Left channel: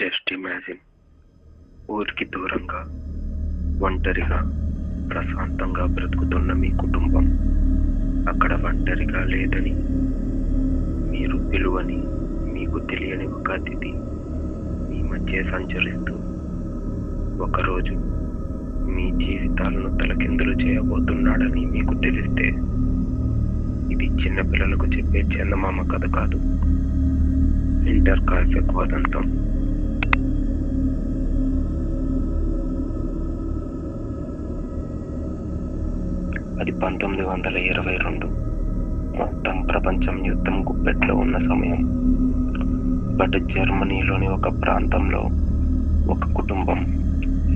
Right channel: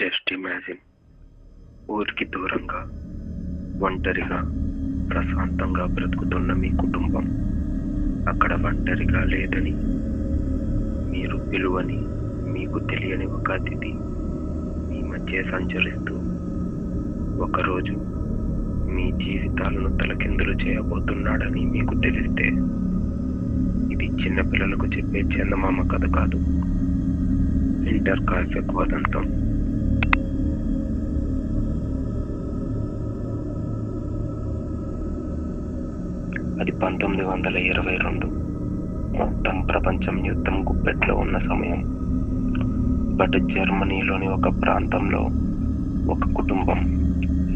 Just imagine, ఊరికి దూరంగా ఒంటరిగా ప్రశాంతంగా బ్రతుకుతున్న మీ కుటుంబం అక్కడ ఒంటరిగా లేదని, మీరు పిలువని, మీకు తెలియని ఒక అతిథి మీ మధ్య సంచరిస్తూ ఒకరోజు మీ జీవితాలను తలకిందులు చేయబోతున్నాడని మీకు తెలిస్తే, ఇది చిన్నపిల్లలకు చెప్పే చందమామ కథ కాదు, ఇంటర్ కాల్ఫెక్ వదంతం. అది 1922. మొత్తం ప్రపంచం యుద్ధం గుప్పెట్లో ఉన్న సమయం. బట్ జర్మనీలోని ఒక ప్రాంతంలో ఒక కుటుంబం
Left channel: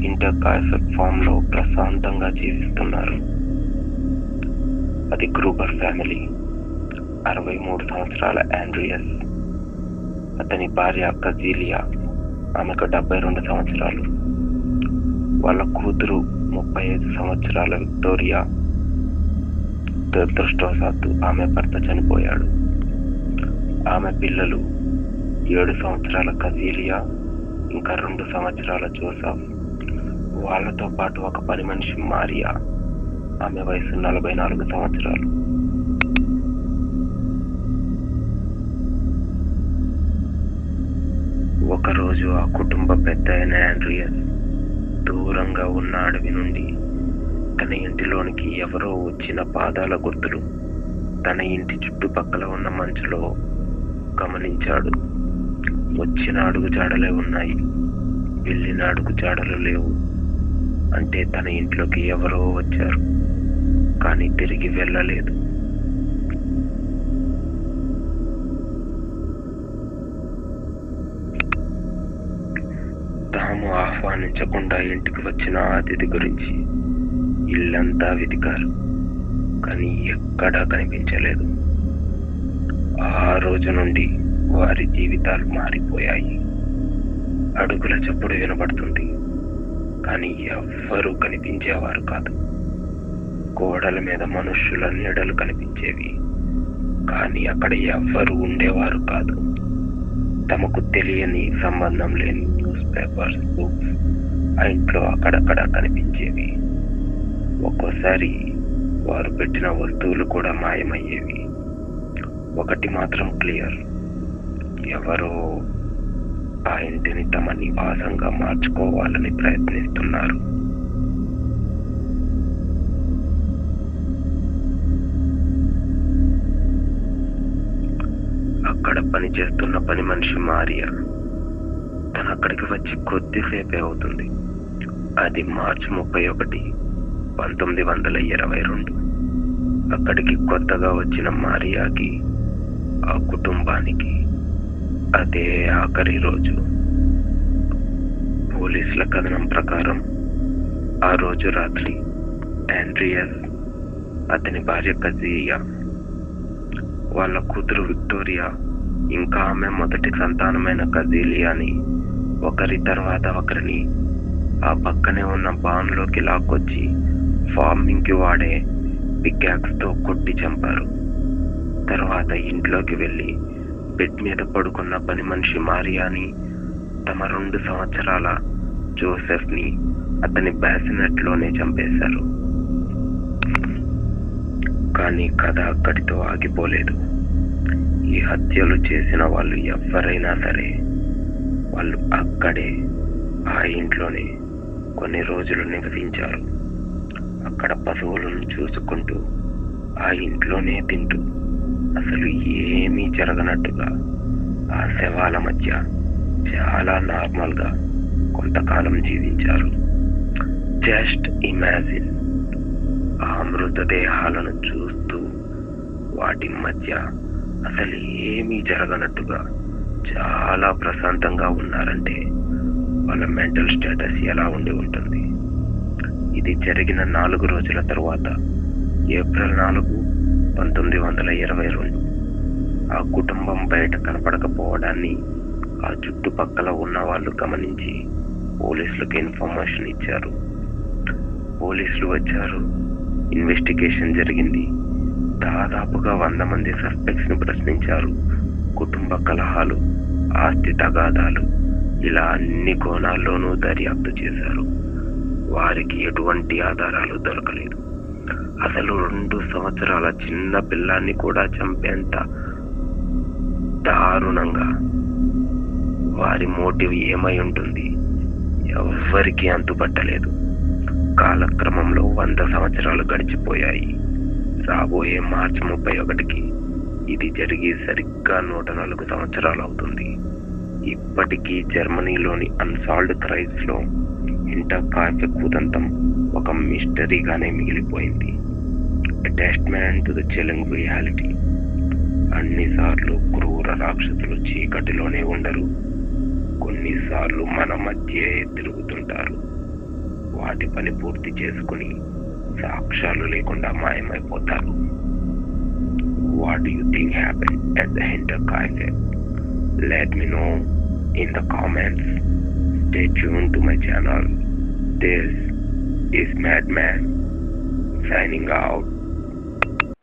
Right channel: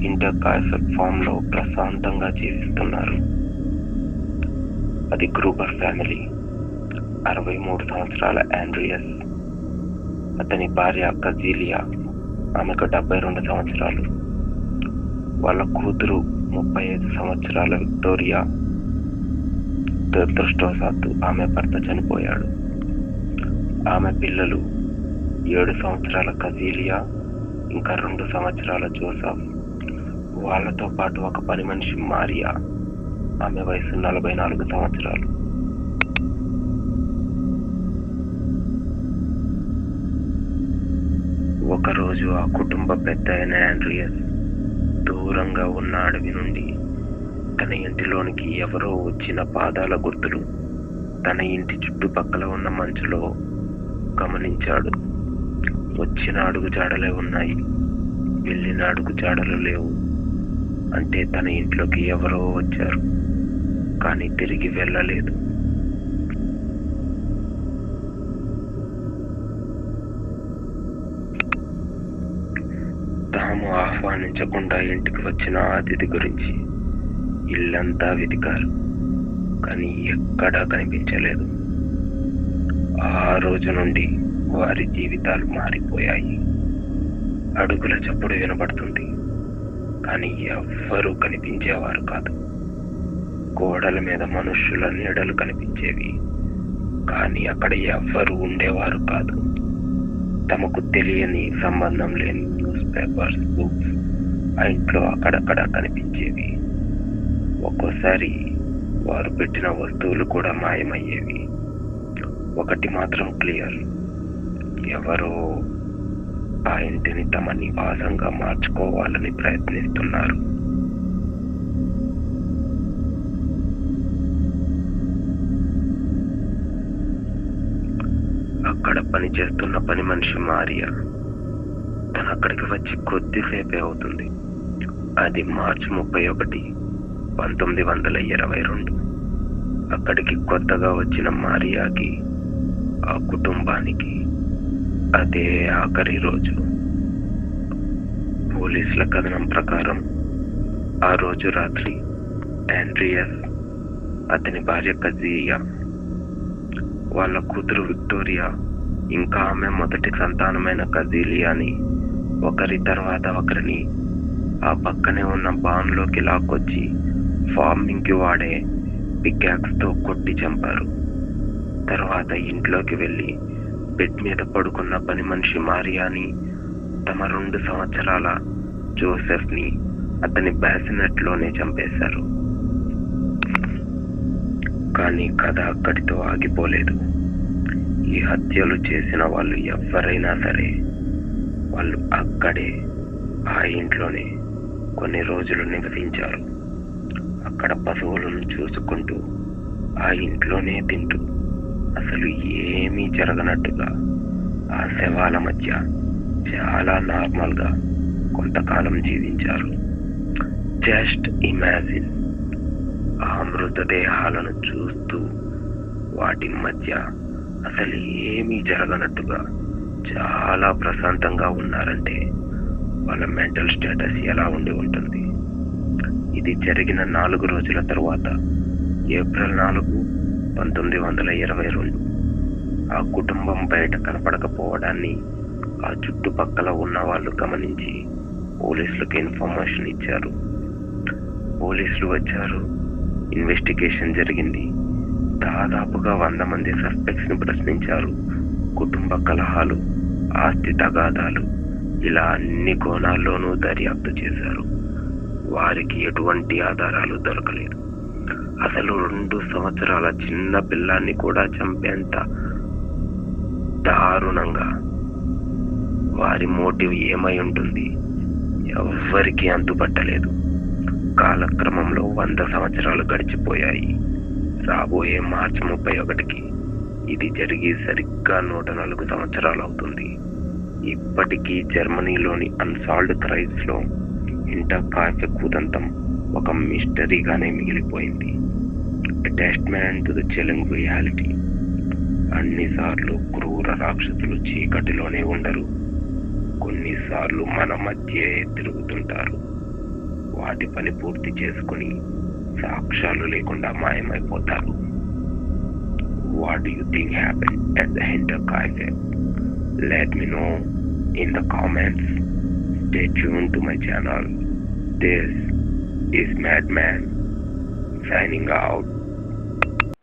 ఇంటర్ కాల్ఫెక్ ఫామ్ లో ప్రశాంతంగా జీవిస్తున్నారు. అది గ్రూబర్ ఫ్యామిలీ. 63 సంవత్సరాల ఆండ్రియాస్, అతని భార్య కజీలియా, ఆమెకు 72 సంవత్సరాలు. వాళ్ళ కూతురు 35 సంవత్సరాల విక్టోరియా. దురదృష్టవశాత్తు ఆమె భర్త చనిపోయాడు. ఆమె పిల్లలు 7 సంవత్సరాల కజీలియా, ఇంకా 2 సంవత్సరాల జోసెఫ్. వాళ్ళతో పాటు ఒక పని మనిషి మారియా, ఆమె వయసు 44 సంవత్సరాలు. ఒకరోజు ఆ కుటుంబ పెద్ద అయిన ఆండ్రియాస్ దూరంగా ఉన్న అడవి నుండి తన ఇంటిలోనికి ఎవరో వచ్చిన పాదాల గుర్తులు తన ఇంటి చుట్టుపక్కల ఉన్న మంచులో గమనించాడు. వచ్చిన అడుగు జాడలే ఉన్నాయి, వెళ్ళిన అడుగు జాడలు లేవు. అంటే తన ఇంట్లోకి ఎవరో వచ్చారు, కానీ తిరిగి వెళ్ళలేదు. తాము ఆహ్వానించకుండా ఇంటికి వచ్చిన అతిథి గురించి ఇల్లంతా వెతికారు, కానీ ఎక్కడా కనిపించలేదు. ఆ రోజు నుండి వారి జీవితాలు మారిపోయాయి. అడుగుల చప్పుడు వినబడుతుంది, కానీ ఎవ్వరూ కనిపించేవారు కాదు. గోడల మీద మనుష్యుల నీడలు కనిపించేవి, కానీ అక్కడ ఎవ్వరూ ఉండేవారు కాదు. తమకు తెలియని, సంబంధం లేని న్యూస్ పేపర్స్, బుక్స్ ఆ ఇంట్లో అక్కడక్కడ కనిపించేవి. ఒక్కోసారి వారు పెట్టిన వస్తువులు కూడా మాయమయ్యేవి. ఒకటి మాత్రం క్లియర్, ఎవరో ఆ ఇంటిని తమ నివాసంగా మార్చుకోవాలని ప్రయత్నిస్తున్నారు. అక్కడ పనిచేస్తున్న పని మనిషి మారియా, తను అక్కడికి వచ్చి కొద్దిసేపే అవుతుంది. అది మార్చి 31, 1922. అక్కడికి కొత్తగా వచ్చిన మారియాకి, ఆ కుటుంబానికి అదే ఆఖరి రోజు. పోలీసుల కథనం ప్రకారం ఆ రోజు రాత్రి ఆండ్రియాస్, అతని భార్య కజియా, వాళ్ళ కూతురు విక్టోరియా, ఇంకా ఆమె మొదటి సంతానమైన కజీలియాని ఒకరి తర్వాత ఒకరిని ఆ పక్కనే ఉన్న బాన్లోకి లాక్కొచ్చి ఫార్మింగ్ కి వాడే పికాక్స్ తో కొట్టి చంపారు. తర్వాత ఇంట్లోకి వెళ్లి బెడ్ మీద పడుకున్న పని మనిషి మారియాని, తమ 2 సంవత్సరాల జోసెఫ్ ని అతని బ్యాసినెట్ లోనే చంపేశారు. కానీ కథ అక్కడితో ఆగిపోలేదు. ఈ హత్యలు చేసిన వాళ్ళు ఎవరైనా సరే, వాళ్ళు అక్కడే ఆ ఇంట్లోనే కొన్ని రోజులు నివసించారు. అక్కడ పశువులను చూసుకుంటూ, ఆ ఇంట్లోనే తింటూ, అసలు ఏమీ జరగనట్టుగా ఆ శవాల మధ్య చాలా నార్మల్ గా కొంతకాలం జీవించారు. జస్ట్ ఇమాజిన్, ఆ మృతదేహాలను చూస్తూ వాటి మధ్య అసలు ఏమీ జరగనట్టుగా చాలా ప్రశాంతంగా ఉన్నారంటే వాళ్ళ మెంటల్ స్టేటస్ ఎలా ఉండి ఉంటుంది. ఇది జరిగిన 4 రోజుల తరువాత, ఏప్రిల్ 4, 1922, ఆ కుటుంబం బయట కనపడకపోవడాన్ని ఆ చుట్టుపక్కల ఉన్న వాళ్ళు గమనించి పోలీసులకు ఇన్ఫర్మేషన్ ఇచ్చారు. పోలీసులు వచ్చారు, ఇన్వెస్టిగేషన్ జరిగింది. దాదాపుగా 100 మంది సస్పెక్ట్స్ ని ప్రశ్నించారు. కుటుంబ కలహాలు, ఆస్తి తగాదాలు ఇలా అన్ని కోణాల్లోనూ దర్యాప్తు చేశారు. వారికి ఎటువంటి ఆధారాలు దొరకలేదు. అసలు 2 సంవత్సరాల చిన్న పిల్లాన్ని కూడా చంపేంత దారుణంగా వారి మోటివ్ ఏమై ఉంటుంది? ఎవ్వరికీ అంతుపట్టలేదు. కాలక్రమంలో 100 సంవత్సరాలు గడిచిపోయాయి. రాబోయే మార్చి 31కి ఇది జరిగి సరిగ్గా 104 సంవత్సరాలు అవుతుంది. ఇప్పటికీ జర్మనీలోని అన్సాల్వ్డ్ క్రైమ్స్ లో హింటర్కాఫెక్ ఉదంతం ఒక మిస్టరీగానే మిగిలిపోయింది. Attachment to the chilling reality. అన్నిసార్లు క్రూర రాక్షసులు చీకటిలోనే ఉండరు. కొన్నిసార్లు మన మధ్య తిరుగుతుంటారు. వాటి పని పూర్తి చేసుకుని సాక్ష్యాలు లేకుండా మాయమైపోతారు. What do you think happened at the Hinterkaifeck? Let me know in the comments. Stay tuned to my channel. This is Madman signing out.